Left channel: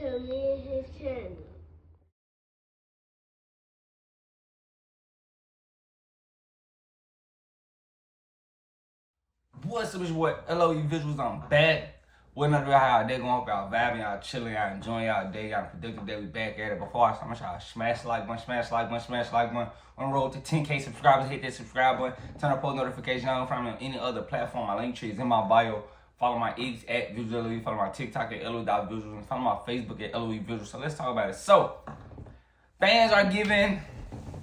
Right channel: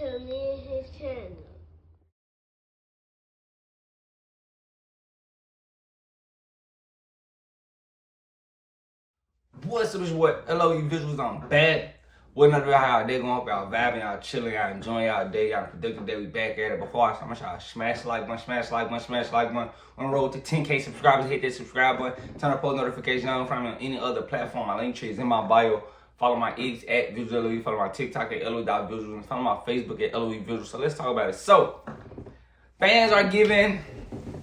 to me and his channel. What's up, it's your boy LOE Visuals. I'm back. What another video, how y'all day going? Hope y'all vibing, y'all chilling, y'all enjoying y'all day, y'all productive day. We back at it. Before I start, I'm gonna smash the like button, smash the like button, smash the like button. On the road to 10K subscribers, hit that subscribe button. Turn on post notifications on from me on any other platform. My link tree is in my bio. Follow my X at VisualLOE. Follow my TikTok at LOE.visuals. And follow my Facebook at LOE Visuals. So let's talk about it. So, fans are giving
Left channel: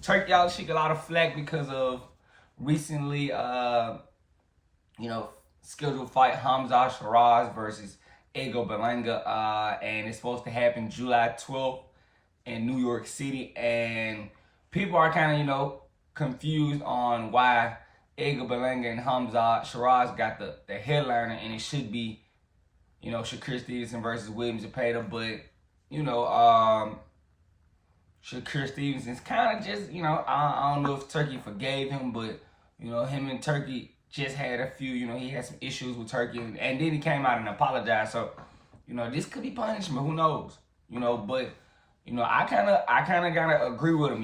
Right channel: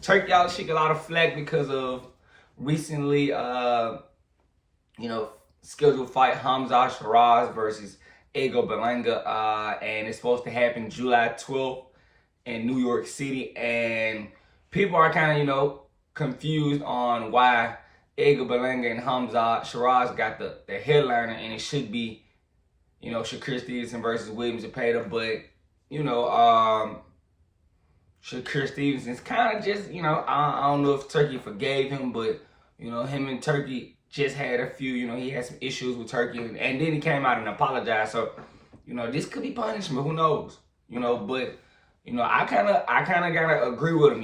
Turki Alalshikh a lot of flack because of recently, scheduled fight Hamzah Sheraaz versus Edgar Berlanga, and it's supposed to happen July 12th in New York City. And people are kind of, confused on why Edgar Berlanga and Hamzah Sheraaz got the headliner, and it should be, Shakur Stevenson versus Williams Zepeda. But, Shakur Stevenson's kind of just, I don't know if Turki forgave him, but, him and Turki just had a few, he had some issues with Turki, and then he came out and apologized. So, this could be punishment. Who knows? But, I kind of gotta agree with him.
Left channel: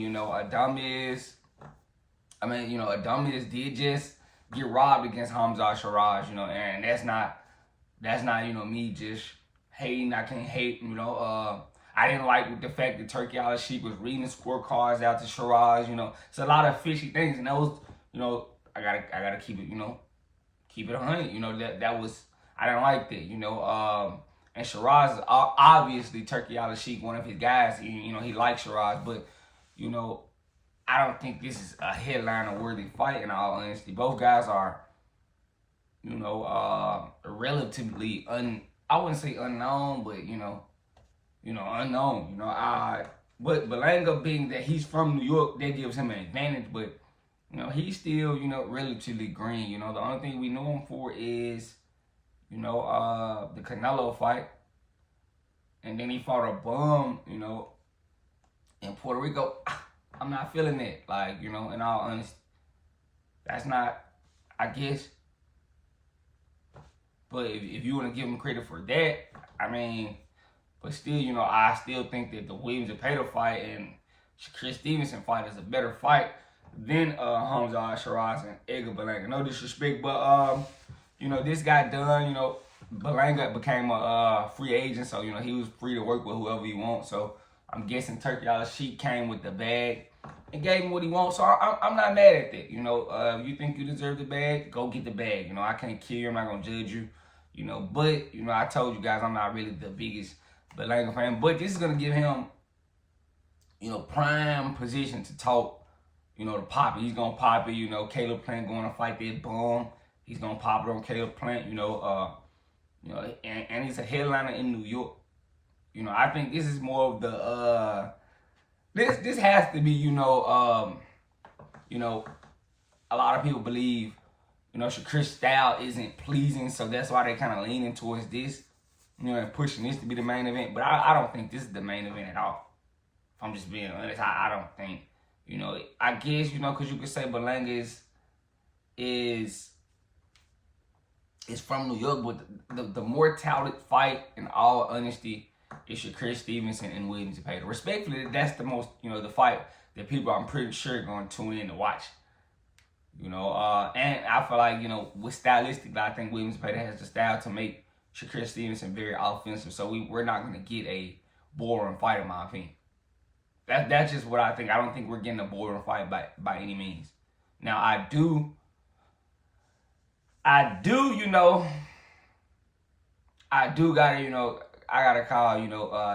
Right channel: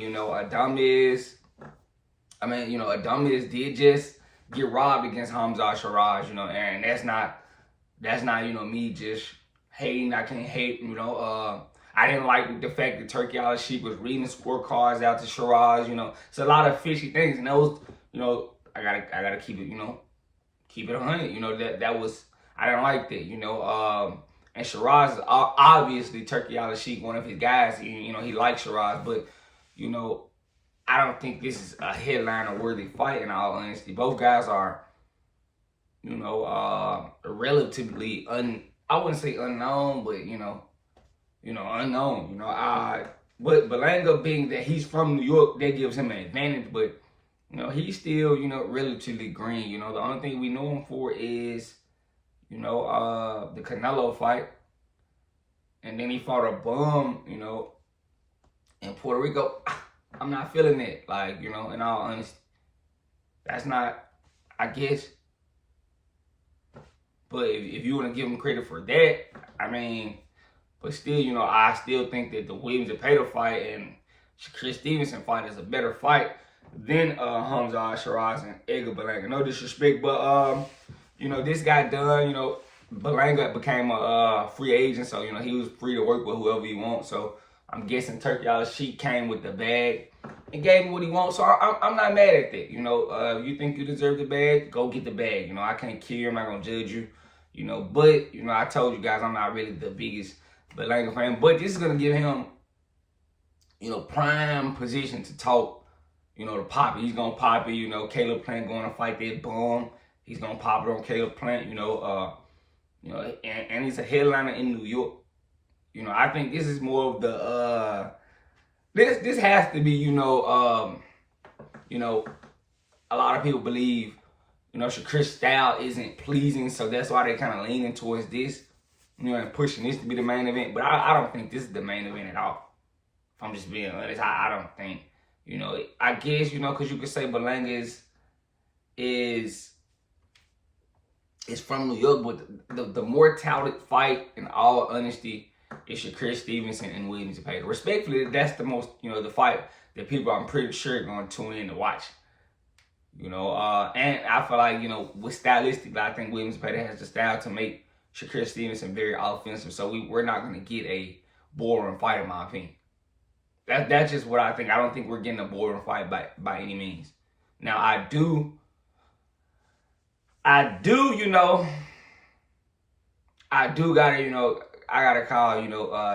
Adames did just get robbed against Hamzah Sheraaz. And that's not me just hating. I can't hate. I didn't like the fact that Turki Alalshikh was reading the scorecards out to Sheraaz. It's a lot of fishy things, and those, I gotta keep it, keep it 100. That was, I didn't like that, and Sheraaz is obviously Turki Alalshikh, one of his guys. He likes Sheraaz, but I don't think this is a headliner worthy fight. In all honesty, both guys are, relatively I wouldn't say unknown, but unknown. But Berlanga, being that he's from New York, that gives him an advantage, but. He's still, relatively green. The only thing we know him for is, the Canelo fight. And then he fought a bum, in Puerto Rico. I'm not feeling it. Like, in all honesty. That's not, I guess. But if you want to give him credit for that, but still, I still think that the Williams Zepeda fight and Shakur Stevenson fight is a better fight than Hamzah Sheraaz and Edgar Berlanga. No disrespect, but this got done. Berlanga became a free agent, so he was free to work with whoever he wants. So I'm guessing Turki Alalshikh came with the bag and gave him what he wants. So I'm not mad at that. If you think you deserve the bag, go get the bag. I can't kill you. I'm not gonna judge you. But I told you guys I'm not really the biggest Berlanga fan. But this is gonna give him, prime position to talk. To pop it. He's gonna pop it. Caleb Plant going to fight that bum. He's gonna pop it on Caleb Plant. And he's a headliner in New York. I think this is more of the this has to be, a lot of people believe, Shakur's style isn't pleasing, so that's why they're kind of leaning towards this, and pushing this to be the main event. But I don't think this is the main event at all. If I'm just being honest, I don't think. I guess, because you could say Berlanga is from New York, but the more touted fight, in all honesty, is Shakur Stevenson and Williams Zepeda. Respectfully, that's the most, the fight that people, I'm pretty sure, are going to tune in to watch. And I feel like, with stylistically, I think Williams Zepeda has the style to make Shakur Stevenson very offensive. So we're not going to get a boring fight, in my opinion. That's just what I think. I don't think we're getting a boring fight by any means. Now, I do, I gotta, I gotta call,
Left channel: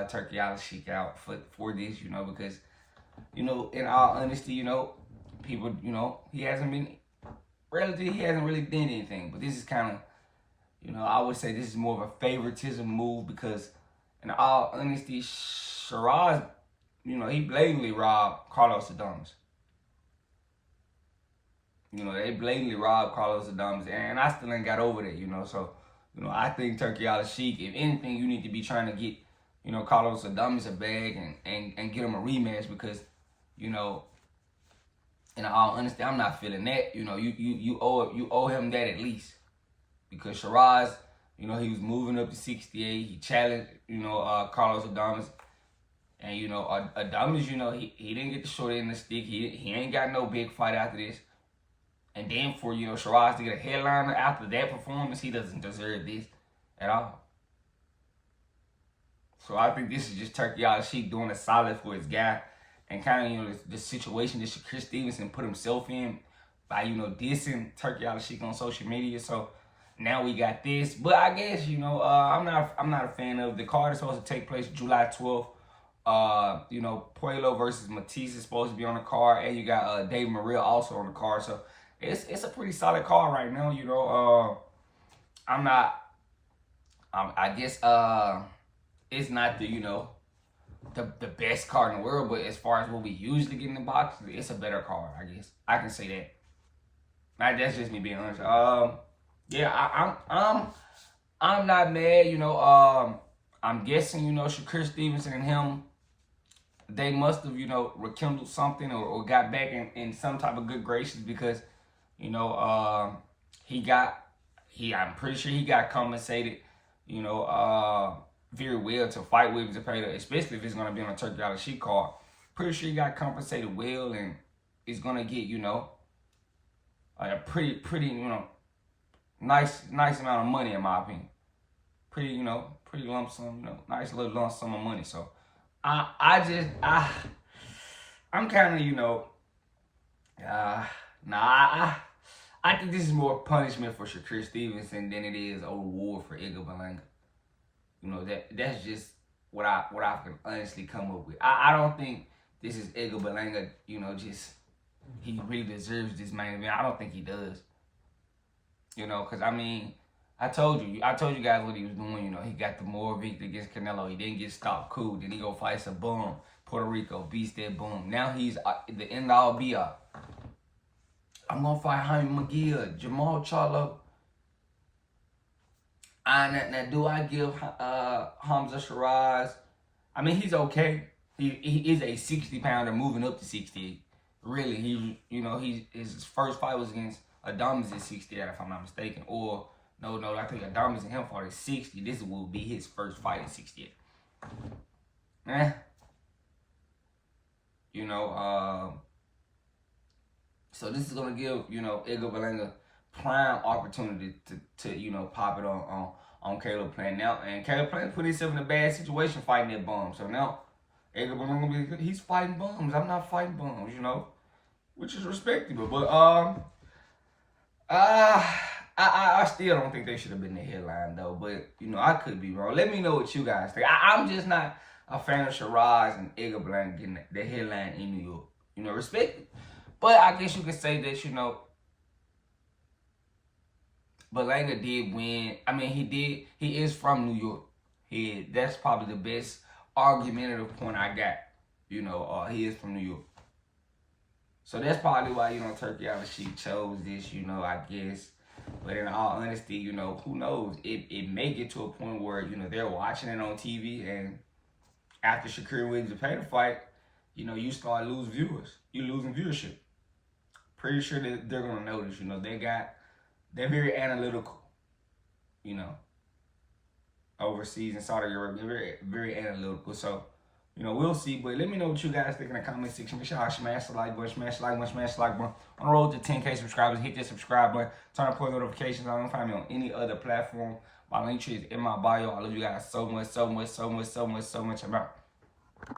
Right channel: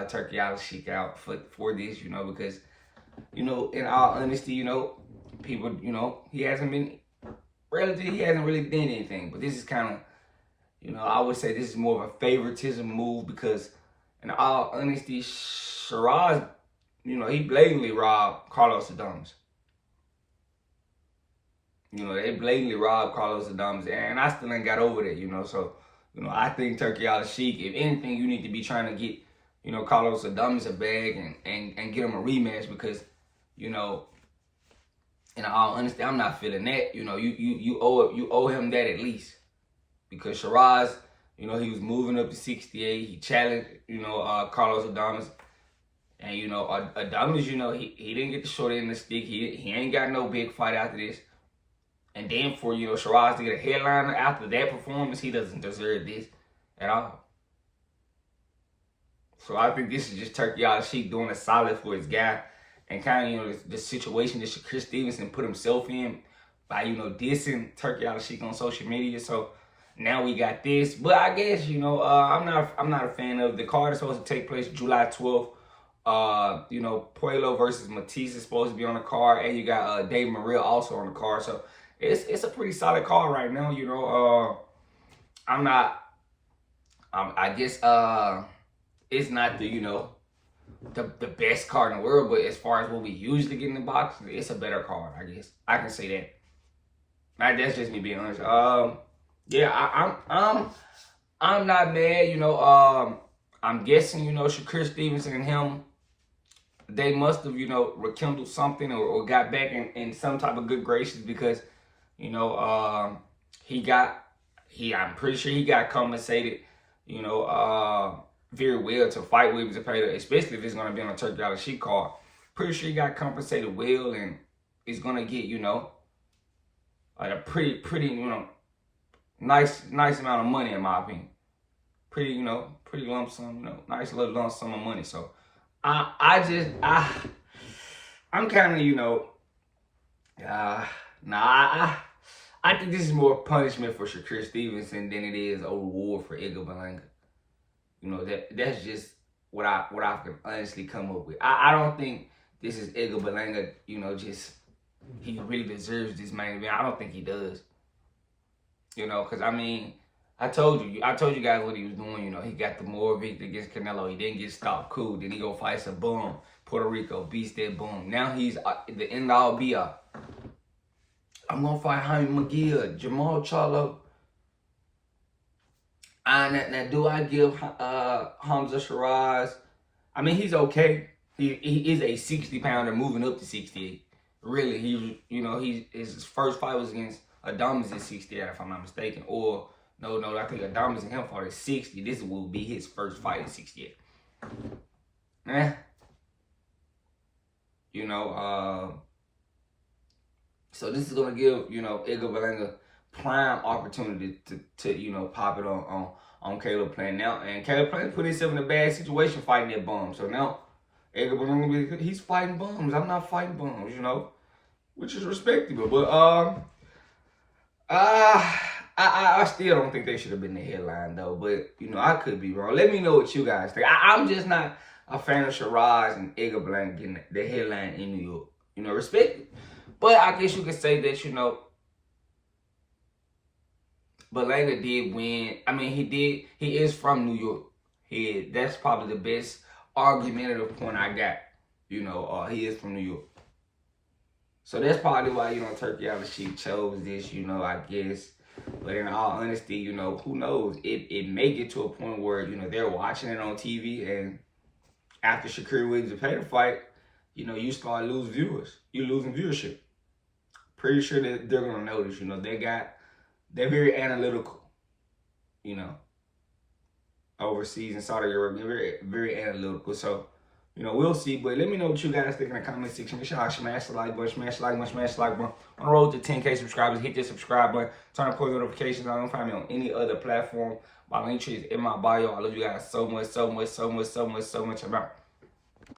Turki Alalshikh out for this, because, in all honesty, people, he hasn't really done anything. But this is kind of, I would say this is more of a favoritism move, because, in all honesty, Sheraaz, he blatantly robbed Carlos Adames. They blatantly robbed Carlos Adames, and I still ain't got over that, So, I think Turki Alalshikh, if anything, you need to be trying to get, Carlos Adames a bag and get him a rematch, because, in all honesty, I'm not feeling that. You owe him that at least, because Sheraaz, You know, he was moving up to 68. He challenged, you know, Carlos Adames. And, you know, Adames, you know, he didn't get the short end of the stick. He ain't got no big fight after this. And then for, you know, Sheraaz to get a headliner after that performance, he doesn't deserve this at all. So I think this is just Turki Alalshikh doing a solid for his guy. And kind of, you know, the situation that Chris Stevenson put himself in by, you know, dissing Turki Alalshikh on social media. So now we got this. But I guess, you know, I'm not a fan of the card. It's supposed to take place July 12th. You know, Puello versus Matisse is supposed to be on the card. And you got Dave Morrell also on the card. So it's a pretty solid card right now, you know. I guess it's not the, you know, the best card in the world, but as far as what we usually get in the box, it's a better card, I guess. I can say that. That's just me being honest. Yeah, I'm not mad, you know. I'm guessing, you know, Chris Stevenson and him, they must have, you know, rekindled something or got back in some type of good graces because, you know, I'm pretty sure he got compensated, you know, very well to fight Williams and Pater, especially if it's going to be on a Turki Alalshikh card. Pretty sure he got compensated well and is going to get, you know, like a pretty, you know, nice amount of money in my opinion. Pretty, you know, pretty lump sum, you know, nice little lump sum of money. So I'm kind of, you know, I think this is more punishment for Chris Stevenson than it is a reward for Edgar Berlanga. You know, that's just what I can honestly come up with. I don't think this is Edgar Berlanga, you know, just he really deserves this main event. I don't think he does. You know, because I mean, I told you guys what he was doing. You know, he got the more victory against Canelo. He didn't get stopped. Cool. Then he go fight some boom. Puerto Rico beats that boom. Now he's the end all be all. I'm gonna fight Jaime McGill, Jamal Charlo. Now, do I give Hamzah Sheraaz? I mean, he's okay. He is a 60-pounder moving up to 68. Really, his first fight was against Adames at 68, if I'm not mistaken. Or no, I think Adames and him fought at 60. This will be his first fight at 68. So this is gonna give Edgar Berlanga prime opportunity to pop it on Caleb Plant now, and Caleb Plant put himself in a bad situation fighting that bum. So now Edgar Berlanga, he's fighting bums. I'm not fighting bums, which is respectable. But I still don't think they should have been the headline though. But I could be wrong. Let me know what you guys think. I'm just not a fan of Sheraaz and Edgar Berlanga getting the headline in New York. Respect it. But I guess you could say that Berlanga did win. I mean, he is from New York. That's probably the best argumentative point I got. He is from New York. So that's probably why, Turki Alalshikh chose this, I guess. But in all honesty, who knows? It may get to a point where, they're watching it on TV, and after Shakur Williams and Pater fight, you start losing viewers. You're losing viewership. Pretty sure that they're going to notice, they're very analytical, overseas in Saudi Arabia. They're very, very analytical. So, we'll see. But let me know what you guys think in the comment section. Make sure y'all smash the like button, smash the like button, smash the like button. On the road to 10K subscribers, hit that subscribe button. Turn on post notifications. I don't find me on any other platform. My link tree is in my bio. I love you guys so much, so much, so much, so much, so much. I'm out.